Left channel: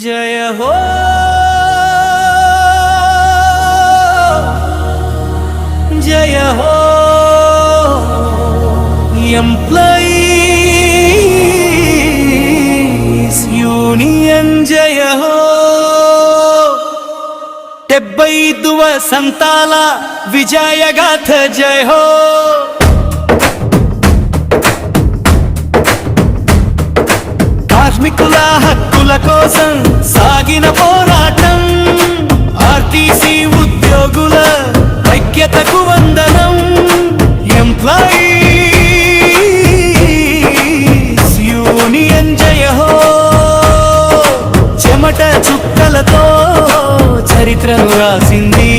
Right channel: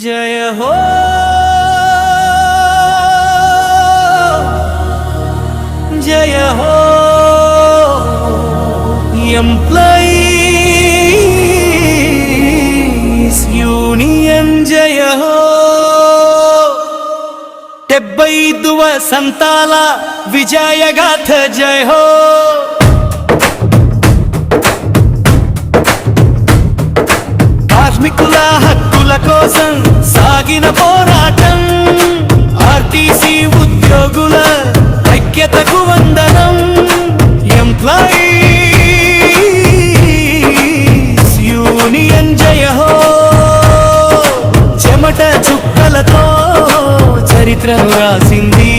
జయ హో జయ హో employees union జయ హో 75వ సంతాల విజయగాథ జయ హో కార్మికుల హక్కుల కోసం సాగిన పోరాటం ఆర్టీసీ ఉద్యోగుల ఐక్యతకు వందనం ఎంప్లాయీస్ యూనియన్ జయ హో చెమట చుక్కలతో చరిత్రను రాసింది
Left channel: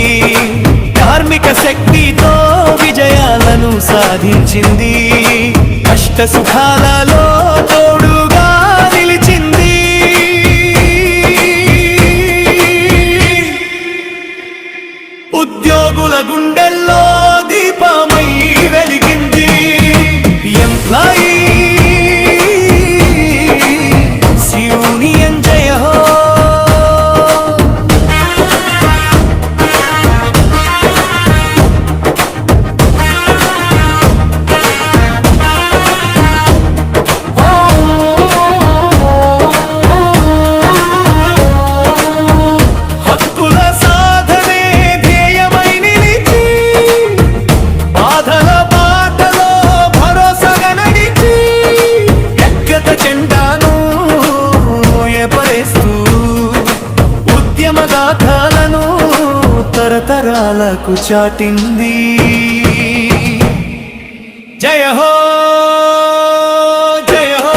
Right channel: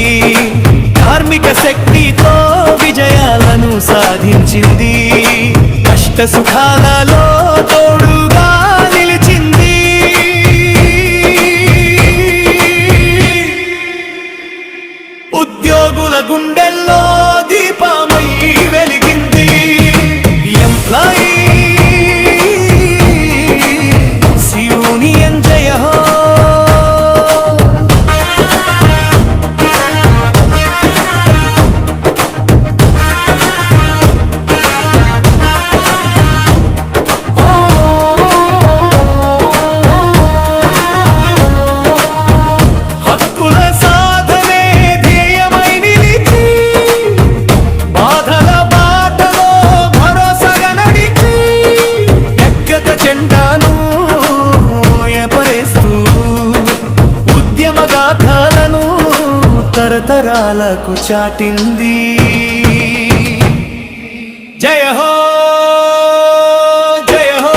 కార్మిక శక్తితో విజయాలను సాధించింది కష్ట సుఖాలలో తోడుగా నిలిచింది ఉద్యోగుల గుండెల్లో దీపమై వెలిగింది ఎంప్లాయీస్ యూనియన్ జయ హో చెండాను ఎపరేస్తూ ఉద్యమగాథలను తరతరాలకు చాటింది జయ హో జయ హో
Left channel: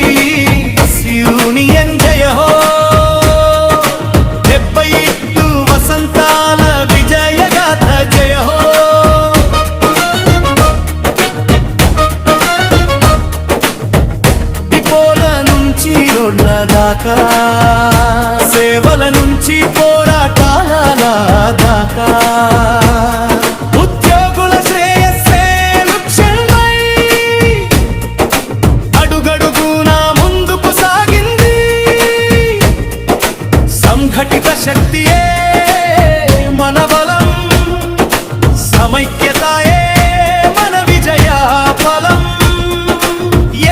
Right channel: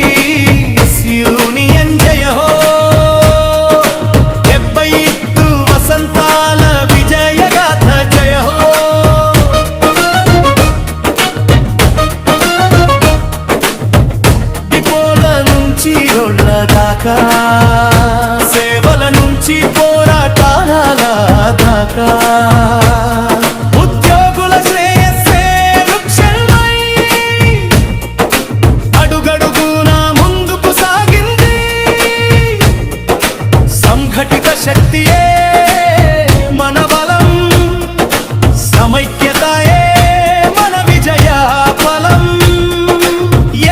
ఎంప్లాయీస్ యూనియన్ జయ హో 75 వసంతాల విజయగాథ జయ హో రోడ్ల దాకా సేవల నుంచి పోరాటాల దాకా ఉద్యోగుల శ్రేయస్సే లక్ష్యమై అడుగడుగునా ముందుకు సాగింది సంఘటిత శక్తియే మన బలం సమైక్యతయే మన విజయ ఫలం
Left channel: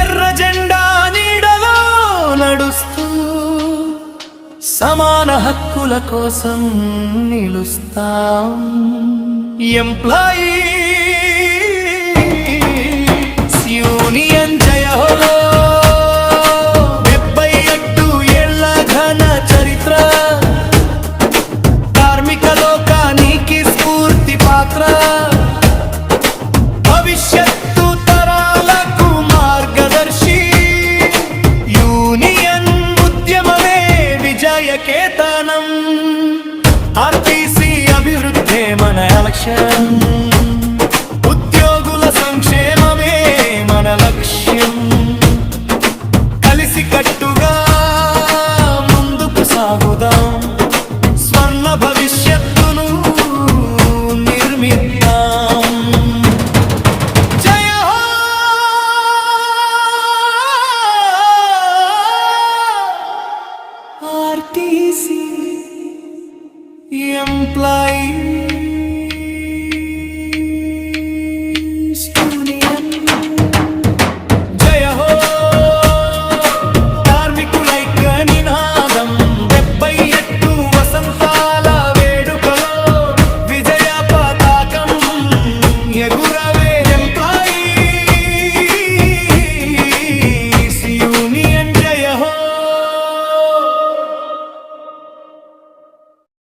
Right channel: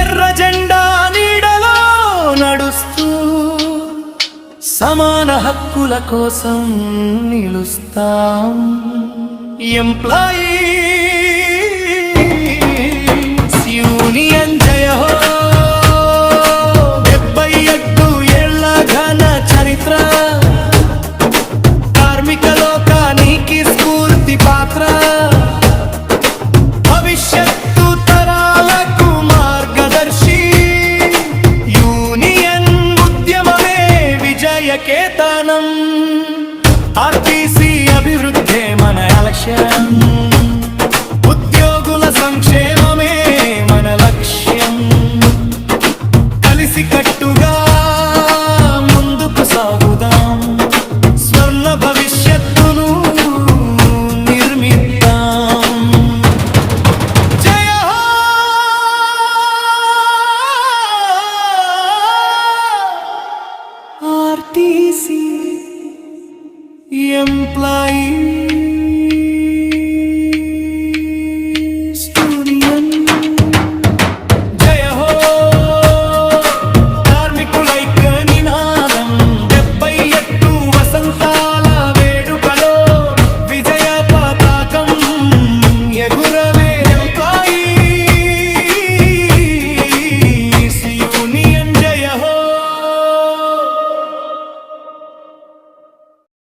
ఎర్ర జెండా నడుస్తూ సమాన హక్కుల కోసం నిలుస్తాం ఎంప్లాయీస్ యూనియన్ జయ హో 77 ఏళ్ల ఘన చరిత్ర కార్మిక లోకానికి స్ఫూర్తి పాత్ర భవిష్యత్తు తరాలకు మార్గదర్శి యూనియన్ ఉద్యమమే విజయకేతనం ఆర్టీసీ అభివృద్ధే మన లక్ష్యం ఉద్యోగుల సంక్షేమమే మన లక్ష్యం కలిసి కట్టుగా ముందుకు సాగుదాం స్వర్ణ భవిష్యత్తును నిర్మిద్దాం ఆర్టీసీ ఎంప్లాయీస్ యూనియన్ జయ హో కార్మికులైక్య నినాదం 78 వసంత